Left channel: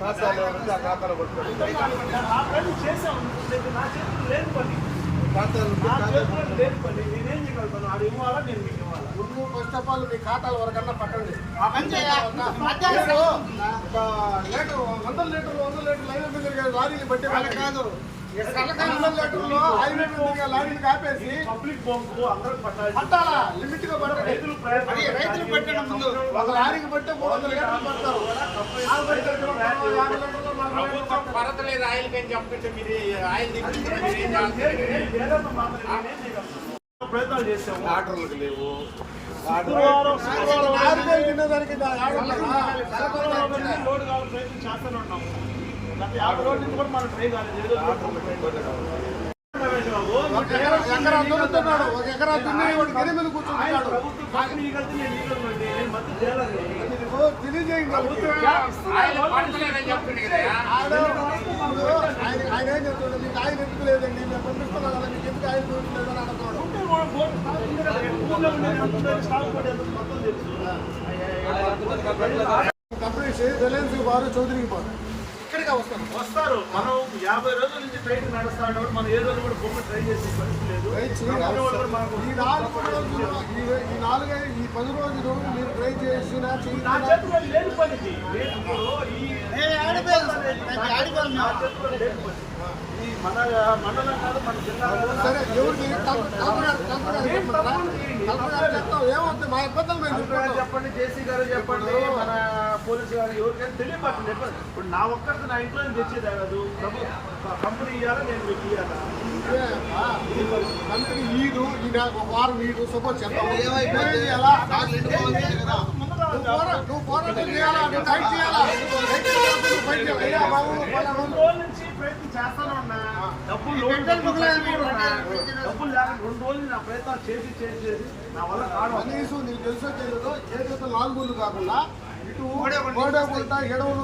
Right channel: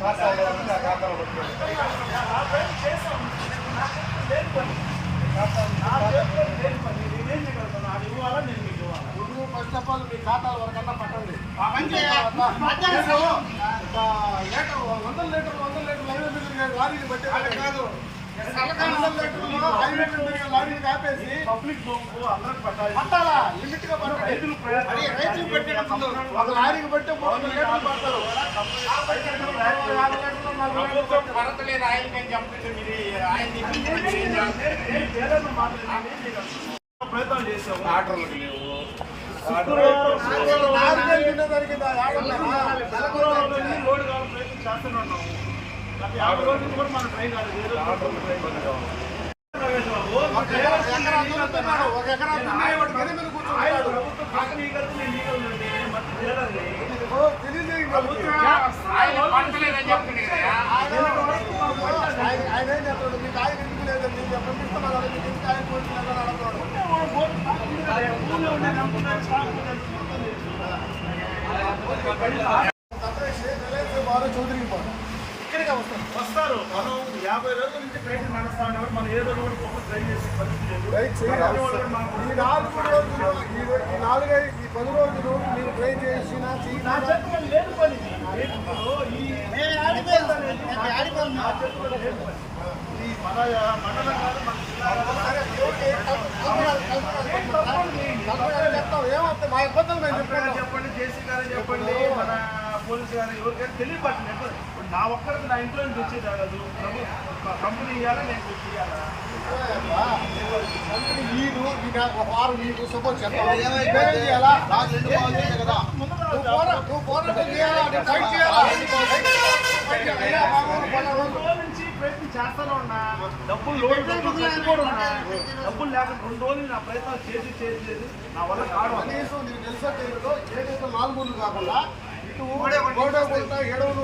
ఖాతాలో ఖాతాలో పట్టుకోండి. ఖాతాలు లేని పని నేనేం చేయగలుగుతాను? ఆడు ఇవ్వాలా, నేను మీకు ఇవ్వాలా? నువ్వు ఫస్ట్ ఆఫ్ ఆల్ మీ ఖాతాల వరకన్నా పట్టండి. లీటరు 100 లీటర్లు హైవే మీద లారీలు పట్టే వాళ్ళకి కాదు. 100 లీటర్లు హైవే మీద లారీలు ఆపేసి పబ్లిక్ బొంకు అందరికి పట్టాలా? లిమిట్ గా పట్టాలి. రైతులు పెట్టడం ముందు ఒక లారీకి పట్టే 300 లీటర్లు పడతారు. కొరత లేదు ఆయిల్ కానీ చెప్తుంటే మీరు ఆయిల్ ప్రయత్నాలు చేసాము. ఆర్డర్లకు లేవు. శుక్రవారం లోడ్ కావాలి ప్రయత్నం చేస్తూనే ఉన్నాము. 50 రోజుల నుంచి కూడా మనం ట్రై కాలేదు. ఒక ఎకరా ప్రభుత్వం పక్కన ఆయన ఏం చెప్తాడు? మీకు ఆయన ఎందుకు లేదండి, మేము పంపిస్తున్నాం కదా, మీకు ఎందుకు ఆయన పోతుందని అడుగుతున్నాడు. తప్పేసి రిలయన్స్ వారు చౌదరికి పోతారు, ఇక్కడికే వస్తారు. మనం 50 రోజుల నుంచి ట్రైన్ నడుస్తా ఉన్నప్పుడు మనం ఏ రోజు కూడా బొమ్మ ట్రై చేసే పరిస్థితి లేదు. ఈ 4 రోజులు ఈ 10 రోజులు మీరు ట్రై చేసినా లేని పని ఈ మన మండలం కాదు, మన జిల్లా సరే ఎవరికి చెప్తాం ఏమవుతుంది? మా ఇబ్బందులు మేము చెప్పండి, జేసీ గారు చెప్పండి, మన పోలీసు గారు ఎవరికైనా తెలియపట్టలేదు. ఇప్పుడు నా ఒక్కరికి నా ఇంట్లో తెచ్చేది కాదు. కంపెనీ ఇవ్వాలా, నేను మీకు ఇవ్వాలా? కంపెనీ ఈదు ఒక వారం నీకు సపోజ్ చెప్తాను. నువ్వు పోరాటం చేయాలా, ఫైట్ చేయాలా? 2 రోజుల నుంచి ప్రయత్నం చేస్తాను ఉన్నా. డబ్బులు లేక 2 రోజులు నా ప్రయత్నం చేసి నా వల్ల కాదు. కనీసం నీకు తెలుసా తెలియదు, ఏదైతే 4 ఊళ్ళు కాకుండా ఇటు గోడకొంట ఎడవలు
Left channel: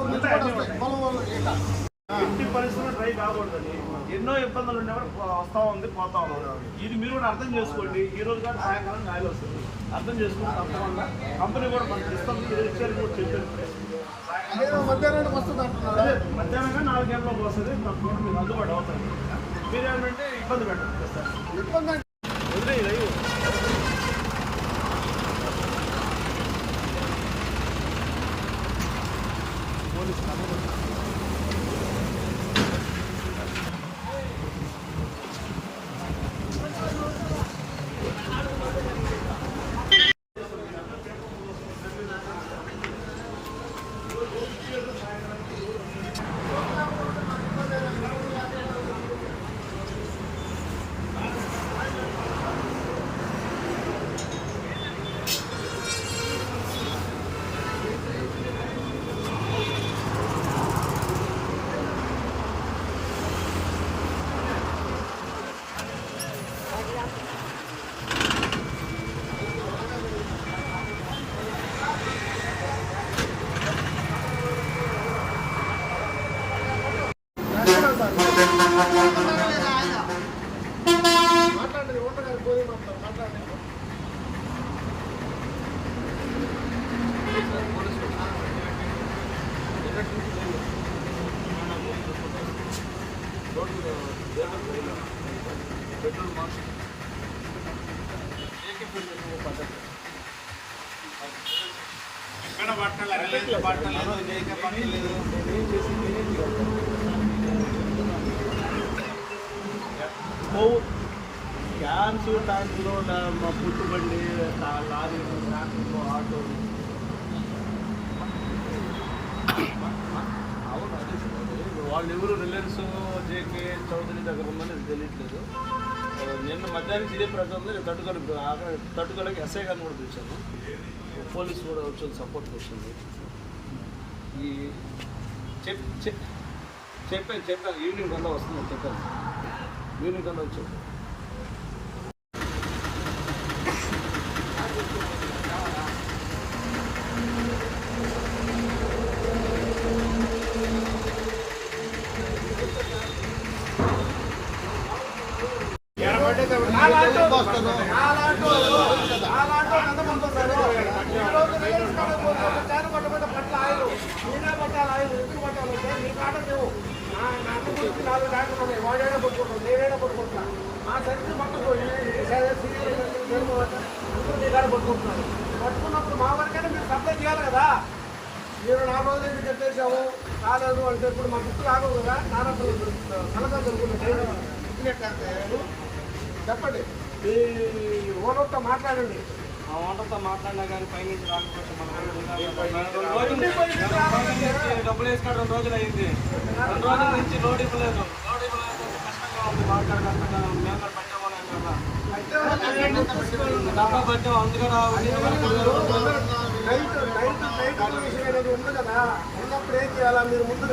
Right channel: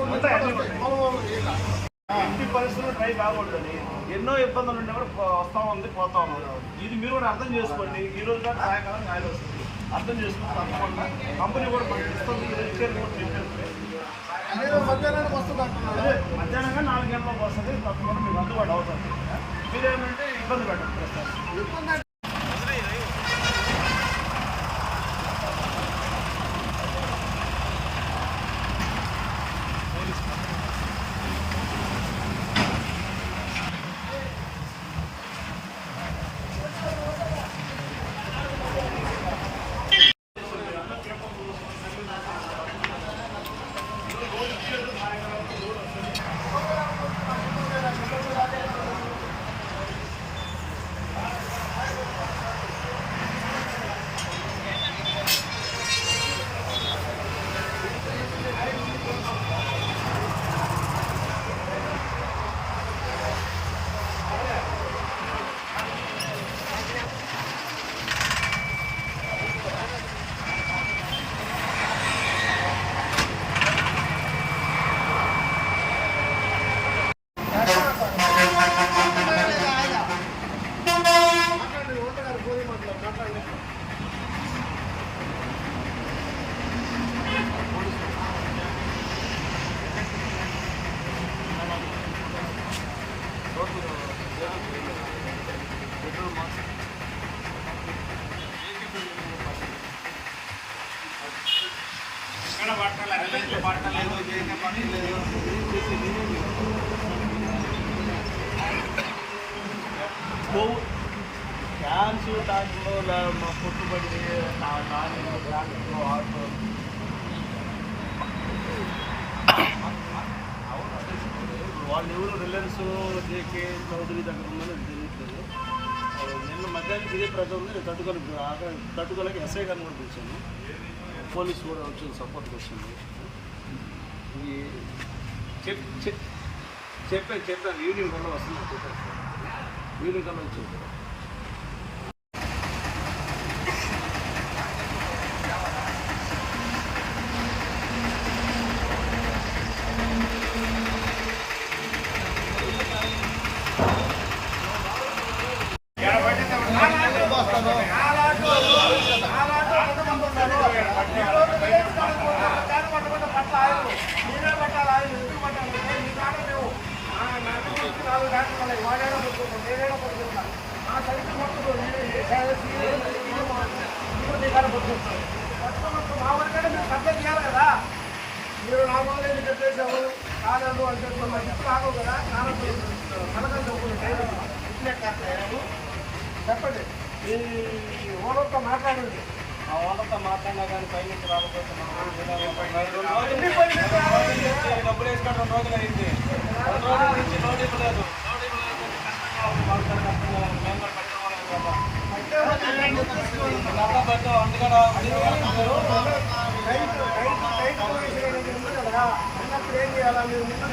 ఇంటి పరిస్థితులు ట్రై కాకూడదని ఎన్నో ఇబ్బందులు ఉండే కూడా వస్తా ఉంది, పోతా ఉన్నాడు. ఇది మీరు కూడా అర్థం చేసుకోండి. ఈ రోజు కానీ సాయంకాలం గాలి వస్తుంది, అర్థం చేసుకుంటే కంపెనీ కూడా మధ్యాహ్నానికి వస్తుంది అంటున్నారు. మధ్యాహ్నంగా 4 గంటలకు వస్తుంది, తప్పకుండా మీకు అందుబాటు అవుతుంది. మీరేమంటే ఇబ్బంది పెట్టండి. ఇబ్బంది మాట్లాడండి, ఓట్లగారు పోయి మాట్లాడండి. పట్టలేదు. క్యాన్స్ టాన్సులు మా పుట్టుబండి లారీలు ట్రాక్టర్లు ఆటో వాళ్ళు ఎవరు రిలయన్స్ జేకే చౌదరి దగ్గర ఉందని తెలియట్లేదు. నిన్న మధ్యాహ్నం తిరిగి ప్రజలు ఉంది. నేను తట్టుకోలేక ఎస్ఐ గారిని కూడా చూశాను. పోలీసు కూడా వచ్చింది, సపోర్ట్కి వచ్చింది. ఈ చెప్పాను ఈవినింగ్ కన్నా వస్తుందని చెప్పాను. ఈవినింగ్ కన్నా వచ్చింది. 4 ట్రాక్టర్లు ఉన్నాయి. వాడేడా పట్టుకుంటాం, నేనేడా పట్టుకుంటున్నా. మా సైకిల్ పట్టుకోండి, అందరూ మీ కాడ పట్టుకుంటున్నాం. పట్టుకున్నప్పుడు మా వారికైనా మీరు సప్లై చేయాలి కదా. మీరు 4 రోజులు ఎందుకు కట్టేసాము కాలేదు అని చెప్పి మా జిప్పులు ఆగవు కదా. నానప్పుడు కలగా చెప్పుకునే టైం ఇట్లే కాదు. చెప్పండి, ఈ ఓనర్తో మాట్లాడండి. ఆ ఓనర్తో మాట్లాడినా కానీ పైనుంచి రాకపోతున్నాం. డబ్బులు వేసుకోవడం 2 రోజులు అయింది. 2 రోజుల నుంచి లోడ్ ఇవ్వలేదు. లోడ్ ఇవ్వలేదు అంటే కష్టంగా మాట్లాడుతున్నాం. మేము కూడా పెట్టవలేం కదా. డబ్బులు పెట్టు అందుకని ఉంది కదా, ఉన్నప్పుడు ఏం చేయాలా? మీరు ముందు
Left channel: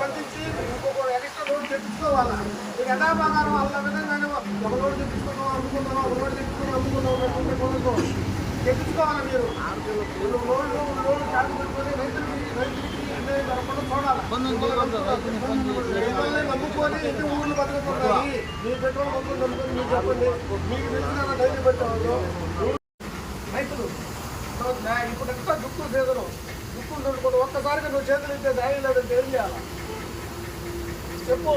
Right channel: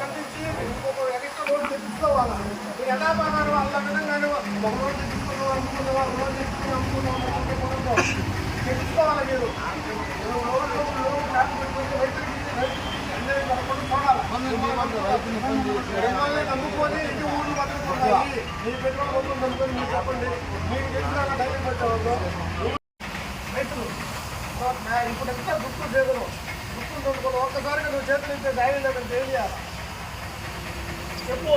పట్టించి ఇంకొక ఎక్స్ట్రా లోడ్ తెచ్చుకోవాలా? మీరు ఎలా బంగారం అంత విధంగా ఒక లోడ్ తెచ్చుకున్నాం అమ్ముకున్నావా, ఒక లోడ్ తెచ్చుకున్నాం అమ్ముకున్నాం తెచ్చుకోవాలా? మీరు లోడ్ చార్జ్ పెట్టుకుని రైతులకి చూడాలి. నమ్ముకొని ఎన్ని ఊళ్ళు బతుకుతుంటాయి. మీ పెట్రోల్ కొట్టుకుని నమ్ముకొని మీకు చెప్పండి. మీకు తెలిసిన డైరీ పెట్టేవాళ్ళు రైతులు ఇప్పుడు ఎంత దుక్కులు చేతులు దుక్కులు తోడుకోవాలి. ఒక్కసారిగా నువ్వు చేతులు ఇస్తే ధైర్యం లేదంటే ఏం చేయాలి చెప్పు.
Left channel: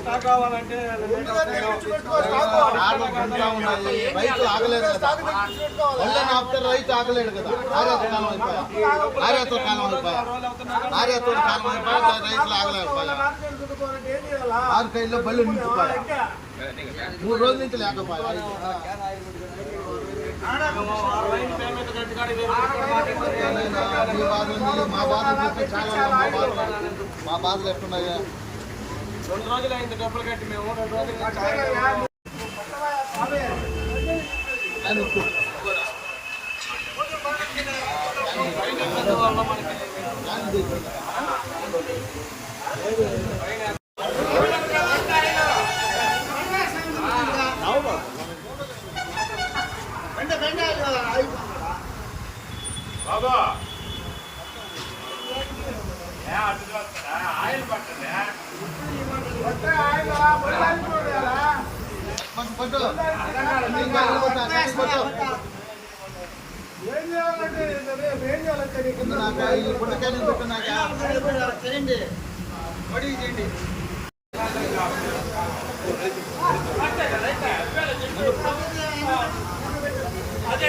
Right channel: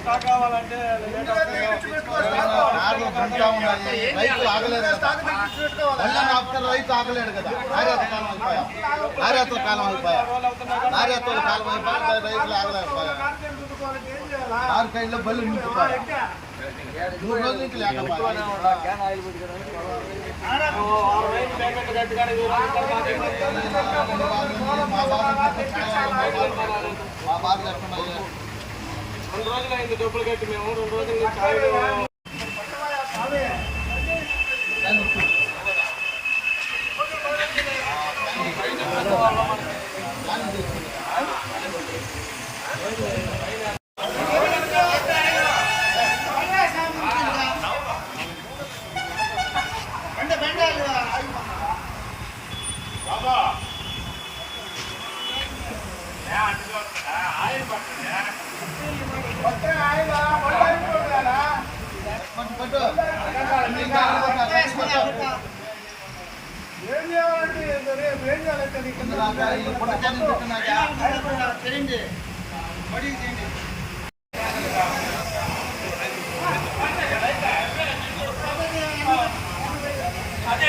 స్టాక్ రావాలంటే రైతు ఆగలేదు రైతు ఆగలేడు కదా. నార్యాత్ర కాలం అయిపోయా రైతులు ఆగలేకపోయా. 6 కైల్లో బళ్ళు నిలిచిపోయా. 3 రోజుల నుంచి లేకపోయా. మా బాధలు చాలా మా బాధలు ఎట్టున్నాయా. 2 రోజులు అయింది డబ్బులు కట్టి. మేము 2 రోజులు బాబా ఆయన పడుతుందా ఏం చేయాలంటే ఏం చేయాలంటే అదే